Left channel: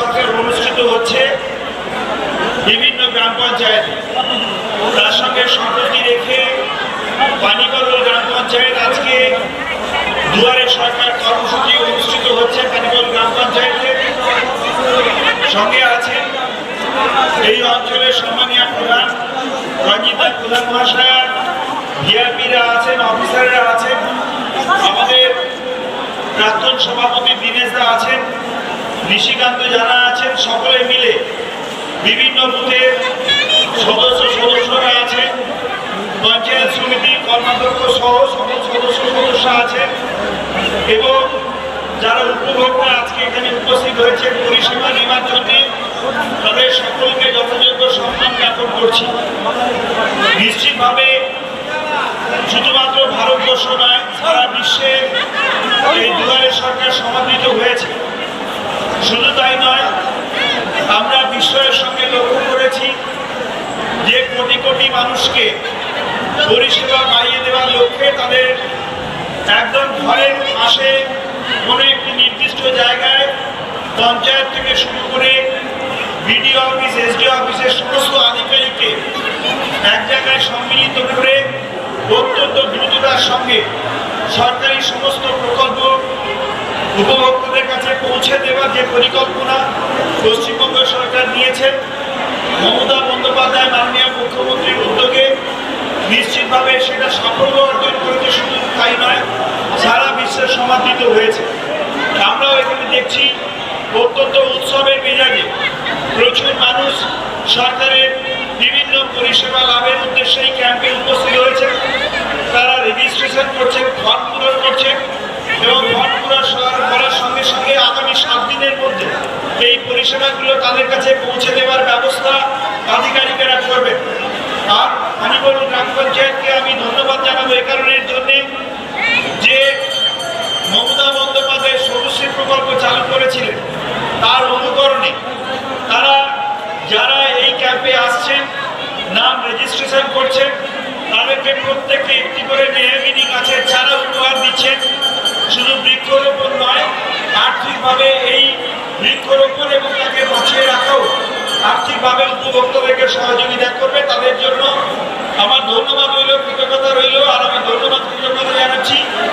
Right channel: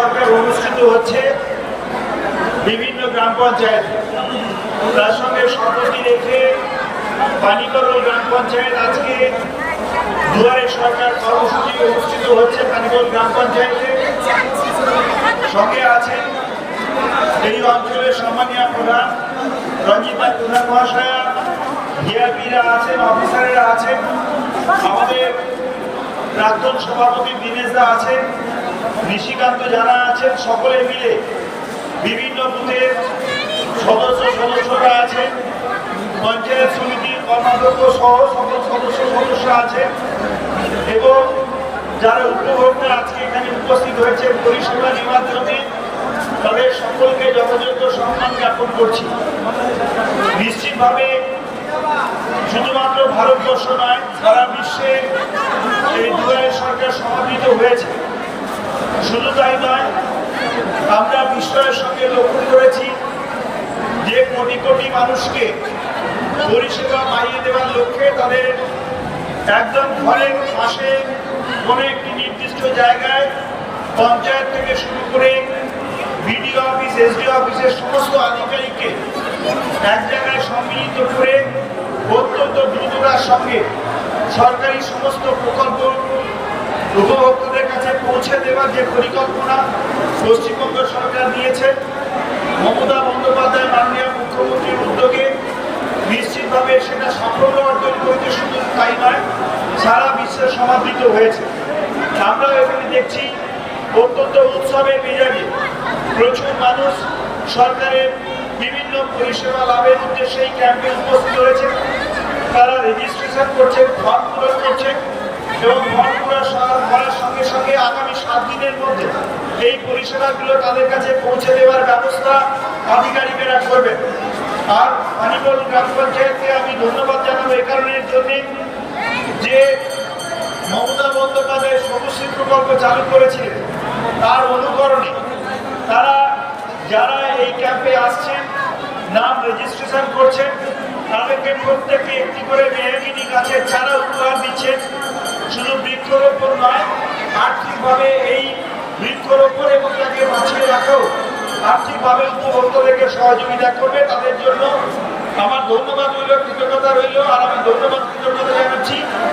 সরকার অনুষ্ঠিত হচ্ছে বিভিন্ন গ্রাম পঞ্চায়েতে। তার সঙ্গে সম্প্রতি রেখে পানিকল গ্রাম পঞ্চায়েত আজকে দুয়ারে সরকার কর্মসূচি অনুষ্ঠিত হচ্ছে পানিকল গ্রাম পঞ্চায়েতে। সঙ্গে আছেন এই অঞ্চলের সম্মানীয় প্রধান রঞ্জিতা প্রধান মহাশয়া, ভিআইপিরা আছেন, অফিসাররা আছেন, আমাদের প্রাক্তন সভাপতি দীনেশদা আছেন, ঋষিকান্ত যারা আছেন, সকলে মিলে বিভিন্ন বুথের সদস্যরা আছেন, পঞ্চায়েত সমিতি কর্মাধ্যক্ষ সহ সকল সদস্য আছে এবং যারা উপভোক্তা আজকে এখানে উপস্থিত হয়েছে পরিষেবা নেওয়ার জন্য তাদের সকলকে যথাযোগ্য সম্মান জ্ঞাপন করছি। নিশ্চিতভাবে শুধুমাত্র ভারতবর্ষ নয়, সারা বিশ্বে এই দুয়ারে সরকার সমাদৃত হয়েছে। শুধু তাই নয়, আমরা বিশ্বের সঙ্গে লক্ষ্য করেছি যে কোটি কোটি মানুষকে পরিষেবা পাইয়ে দেওয়ার লক্ষ্যে তাদের একদম ঘরের পাশে কোনো একটি নির্দিষ্ট জায়গায় পঞ্চায়েত থেকে শুরু করে বিডিও অফিস, এসডিও অফিসের সমস্ত আধিকারিককে এক জায়গায় সম্মিলিত করে অত্যন্ত দ্রুততার সঙ্গে সরকারি সমস্ত প্রকল্প উপভোক্তাদের কাছে পৌঁছে দেওয়ার যে পরিকল্পনা পশ্চিমবঙ্গ সরকার নিয়েছেন, মমতা বন্দ্যোপাধ্যায় মাননীয় মুখ্যমন্ত্রীর উদ্যোগে নিশ্চিতভাবে সেটা সাফল্য অর্জন করেছে। শুধু তাই নয়, সারা বিশ্বে সমাদৃত হয়েছে। আমরাও এখানে দেখছি অত্যন্ত উৎসবের মেজাজে প্রচুর মানুষ সরকারের বিভিন্ন পরিষেবা লাভের উদ্দেশ্যে এই ক্যাম্পে উপস্থিত হয়েছে। তারা রেজিস্ট্রেশন করছেন, ফর্ম পূরণ করছেন এবং ফর্ম পূরণ করার সঙ্গে সঙ্গে আগামী 7 দিনের মধ্যে এই পরিষেবাগুলো তাদের কাছে পৌঁছে দেওয়ার ব্যবস্থা আধিকারিকেরা করবেন। আর পানিকল গ্রাম পঞ্চায়েতকে আমি ধন্যবাদ জানাবো এই কারণের জন্যে যে মমতা বন্দ্যোপাধ্যায় সবুজশ্রী প্রকল্প চালু করেছিলেন, তার অনুকরণে তারা যারা এই ক্যাম্পে আসছেন, নাম রেজিস্ট্রেশন করছেন, তাদেরকে প্রত্যেককে একটি করে মেহগিনি গাছের চারা উপহার দিচ্ছেন। শুধু বৃক্ষরোপণ নয়, আর্থিকভাবে এই বৃক্ষরোপণ এবং তাকে বাঁচিয়ে রাখাও আর্থিকভাবে উপভোক্তাদেরকে সহযোগিতা করবে। তাদের জন্য আমার ধন্যবাদ রইল, কৃতজ্ঞতা রইল। আর আমি ধন্যবাদ কৃতজ্ঞতা জানাচ্ছি